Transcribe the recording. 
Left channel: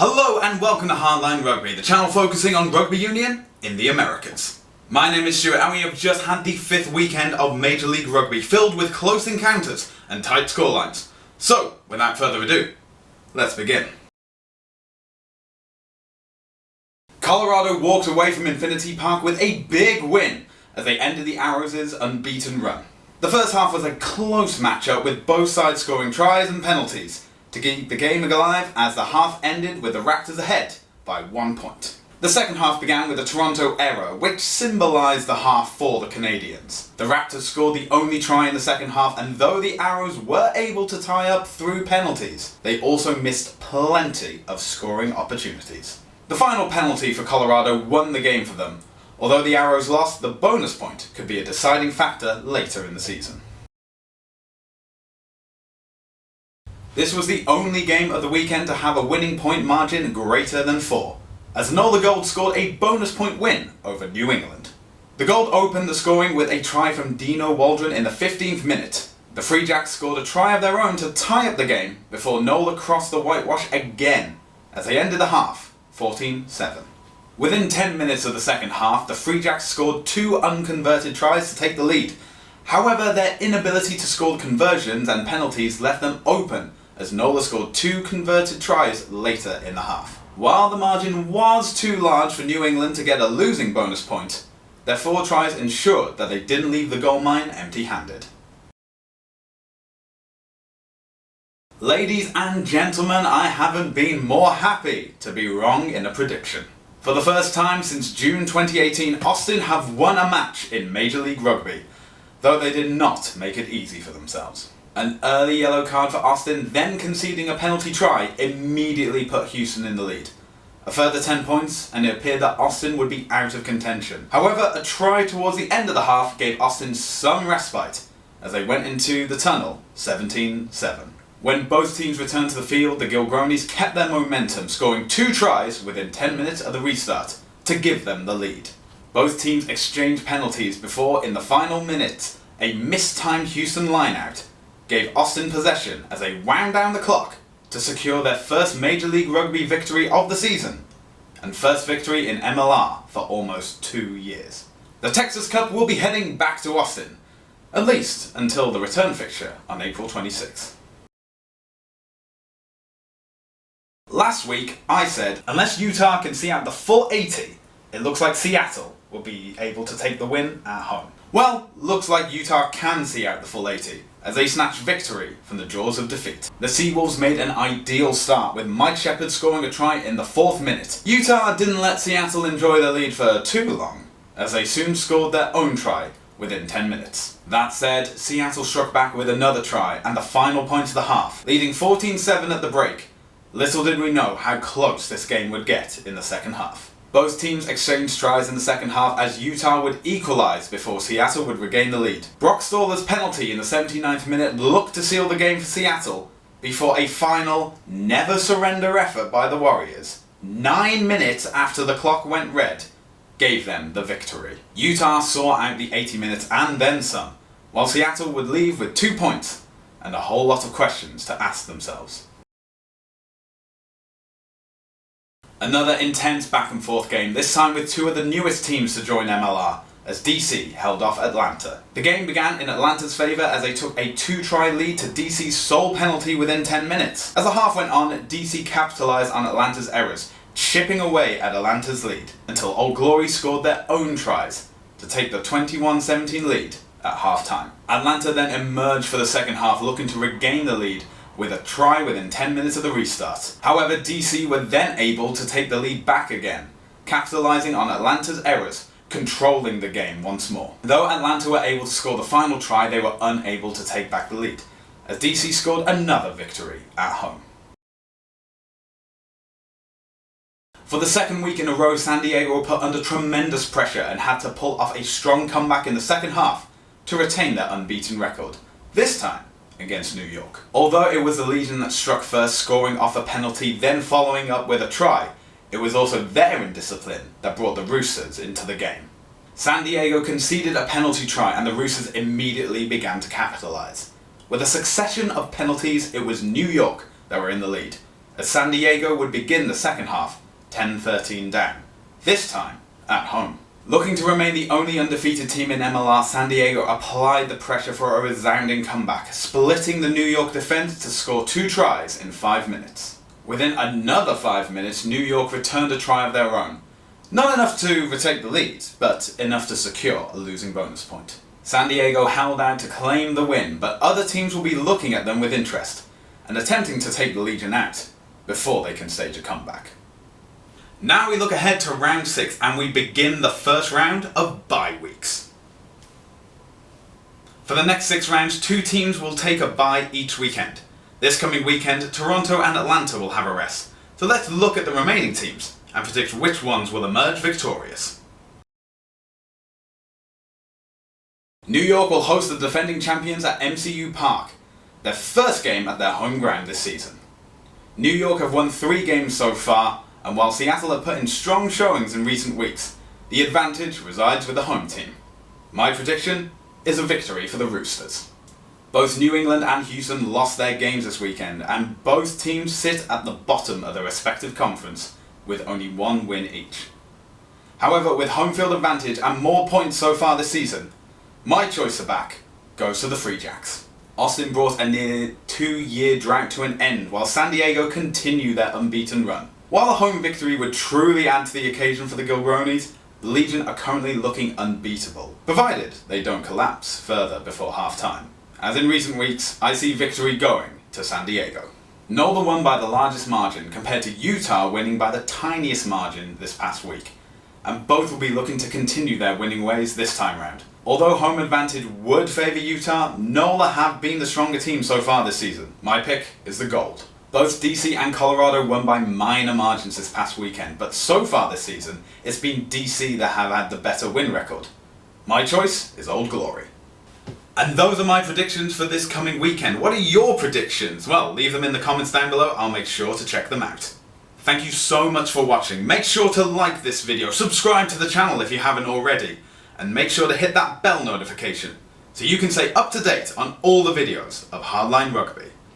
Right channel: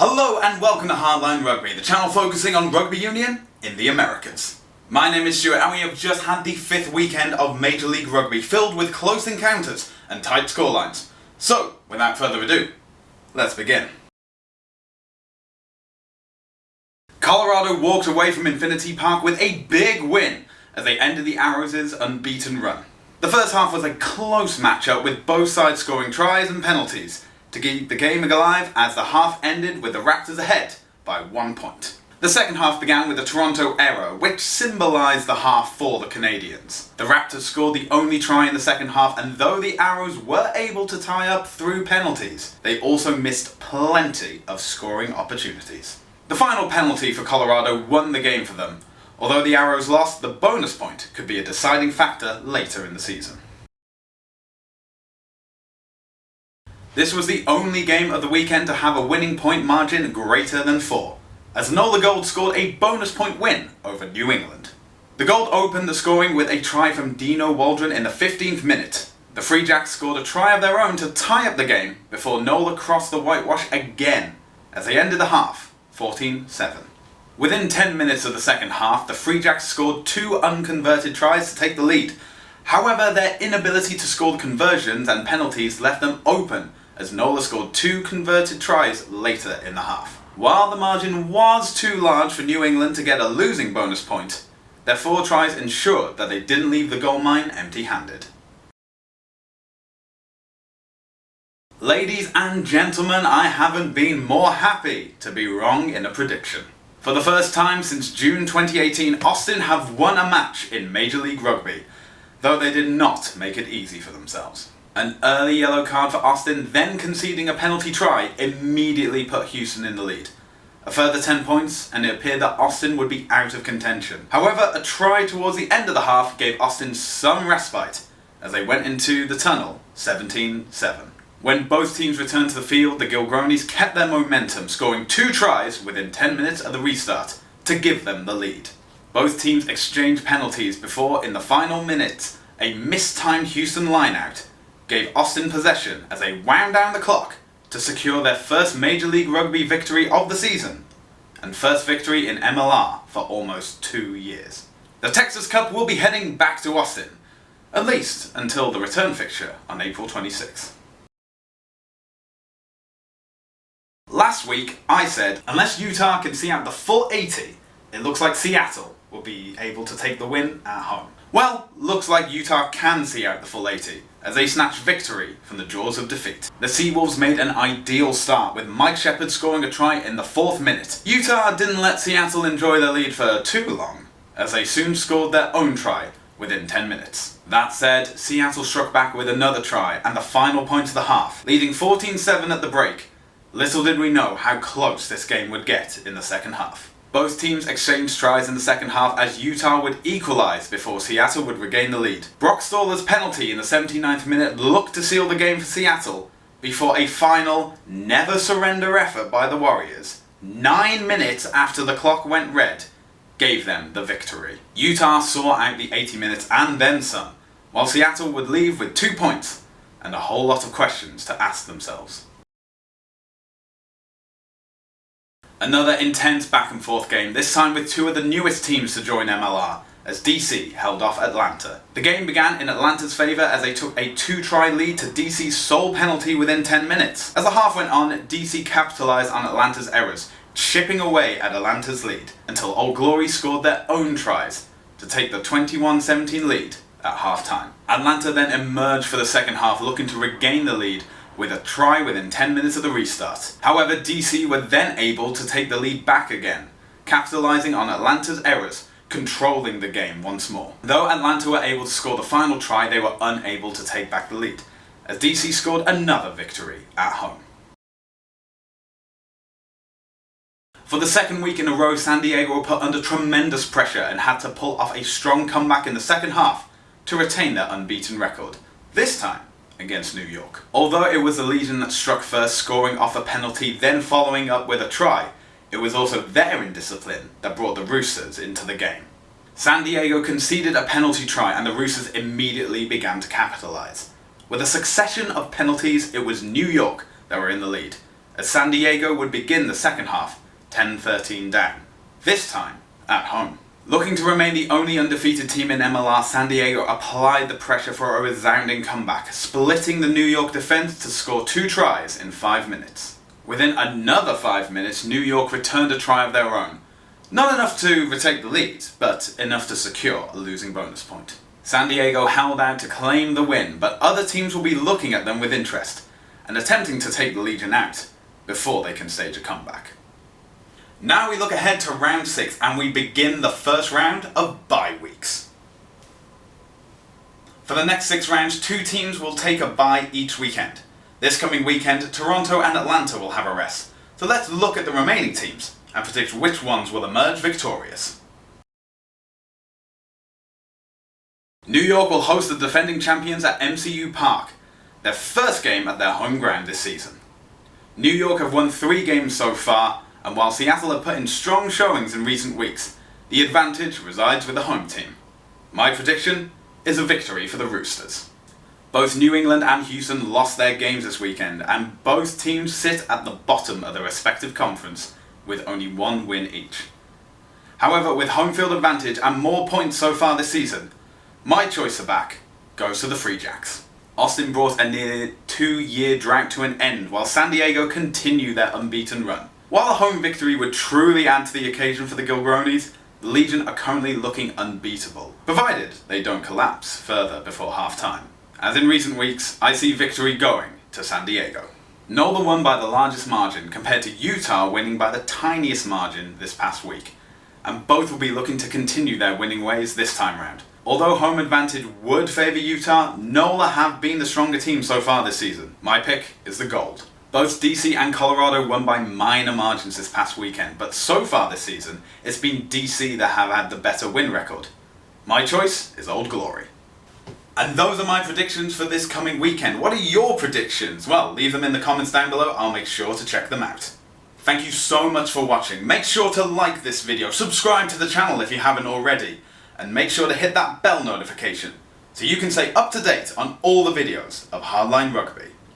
Hello and welcome to Hardline Rugby, the channel focusing on rugby union in the Americas. My name is Stuart and we have just had the 5th weekend of Major League Rugby filled with close encounters and tight scorelines. So, without further ado, let's begin. Colorado walked away from Infinity Park with a big win as they ended the Arrows' unbeaten run. The first half was a close matchup with both sides scoring tries and penalties to keep the game alive as the half ended with the Raptors ahead by 1 point. The second half began with a Toronto error, which symbolised the half for the Canadians. The Raptors scored the only try in the second half, and though the Arrows were able to tie up through penalties, they also missed plenty of scoring opportunities. The final penalty for Colorado won the game for them. Although the Arrows lost, the bonus point could be a deciding factor later in the season. This was the only game of the weekend to have a winning point margin greater than 4, as Nola Gold scored a bonus point win over New England. The Gold opened the scoring with a try from Dino Waldron in the 15th minute. The Free Jacks scored a try of their own to tie up the game before Nola crossed the whitewash again, as they ended the half 14-7. Within 10 minutes of the second half, the Free Jacks scored 2 unconverted tries to take the lead. However, their inability to score the conversions and penalties left them open as Nola scored 2 converted tries later in the half. While the margin was too large for New England to get a losing bonus point, their 4 tries ensured that they didn't leave the goal mine empty-handed. Ladies and gentlemen, I haven't been more happy to be wrong in a prediction. For the first time since June 2018, Austin have won a match in Major League Rugby, though they did not make it easy for themselves. An early yellow card for Austin, then conceding a penalty try, immediately put Houston in the lead. A further 10 points, and it appeared that Austin would be out of contention. However, a try towards the end of the half gave Austin some respite, as they went into the tunnel 17-7. When both teams returned to the field, the Gilgronis kept their momentum, scoring 2 tries within 10 minutes of the restart to give them the lead. Both teams exchanged penalties before, in the final minutes, a mistimed Houston lineout gave Austin possession as they wound down the clock to secure their first Major League Rugby victory of the season, and first victory in MLR for almost 2 years. The Texas Cup will be heading back to Austin, at least until the return fixture on April 26th. Last week, I said, unless Utah can see out the full 80, it looks like Seattle will be able to take the win at home. Well, looks like Utah can see out the full 80, as they snatched victory from the jaws of defeat. The Seawolves made an ideal start, with Mike Shepard scoring a try in the 4th minute. Utah didn't let Seattle enjoy their lead for too long, as they soon scored their own try within 10 minutes. That said, Seattle struck back with another try and the final point of the half, leading 14-7 at the break. Little did we know how close this game would get in the second half. Both teams exchanged tries in the second half as Utah would equalise before Seattle would regain the lead. Brock Stoller's penalty in the 79th minute looked to seal the game for Seattle before a final never surrender effort by the Warriors, 9 minutes after the clock went red, gave them the victory. Utah saw out the 80 minutes and then some, while Seattle would leave with 2 points and a whole lot of questions to ask themselves. Another intense back and forth game, this time with 2 of the newest teams to join MLR, as DC held off Atlanta. The game began in Atlanta's favour as they took a 2-try lead to DC's sole penalty within 10 minutes. As the half went on, DC capitalised on Atlanta's errors, chipping away at Atlanta's lead, until Old Glory scored their own tries to take the 21-17 lead at half-time. Atlanta then emerged for the second half, looking to regain the lead with a try within 10 minutes of the restart. However, DC were then able to take the lead back again, capitalising on Atlanta's errors, controlling the game once more. Though Atlanta were able to score the final try, they were unable to take back the lead, as DC scored another victory at home. For the second week in a row, San Diego were put under tremendous pressure and had to pull off a strong comeback in the second half to retain their unbeaten record, this time against New York. Although it was the Legion that struck first, scoring off a penalty, then following up with a try, it was also their indiscipline that brought the Roosters into the game. San Diego conceded a penalty try and the Roosters immediately began to capitalise. With a succession of penalties, it was New York that were in the lead, as San Diego would begin the second half 10-13 down, this time at home. Looking to remain the only undefeated team in MLR, San Diego applied the pressure for a resounding comeback, splitting the New York defence to score 2 tries in 5 minutes. Within another 5 minutes, New York returned a try of their own. Not enough to retake the lead, but enough to secure a losing bonus point. San Diego held out to claim the win, but other teams will be looking at them with interest and attempting to take the Legion out before they can stage a comeback. Now we look ahead to round 6 and we begin the first round of bye weeks. For the next 6 rounds, 2 teams will take a bye each weekend. This coming weekend, Toronto and Atlanta will have a rest. So let's look at the remaining teams and predict which ones will emerge victorious. New York will host the defending champions at MCU Park, their first game at their home ground this season. New York have won 3 games so far, and while Seattle have put in strong showings in recent weeks, the advantage resides with the home team. My prediction is a victory for the Roosters. Both New England and Houston lost their games this weekend, and both teams sit at the bottom of their respective conference with only 1 win each. However, with home field advantage and more points so far this season, my choice for back goes to the Free Jacks. Austin brought a near 2-year drought to an end while San Diego continue their unbeaten run. While a home victory would truly add to the occasion for the Gilgronis, the Legion are currently looking unbeatable, provided they don't collapse further before half-time. As in recent weeks, I see victory going to San Diego. Nola won by the largest margin compared to Utah winning by the tiniest margin this past week, and both will be looking to continue their winning ways this time round. Although home advantage would favour Utah, Nola have been the stronger team so far this season. My pick is the Gold. Both DC and Colorado won by minor margins this past weekend, but so far this season, it's been DC that have had the better win record. My choice is Old Glory. And those are my predictions for this coming weekend. What are your predictions? Well, leave them in the comments down below. I'll make sure to check them out. Thank you so much for watching. Make sure to like this video, subscribe to the channel if you haven't already, and make sure to hit that bell notification so you can stay up to date on all the videos of Hardline Rugby.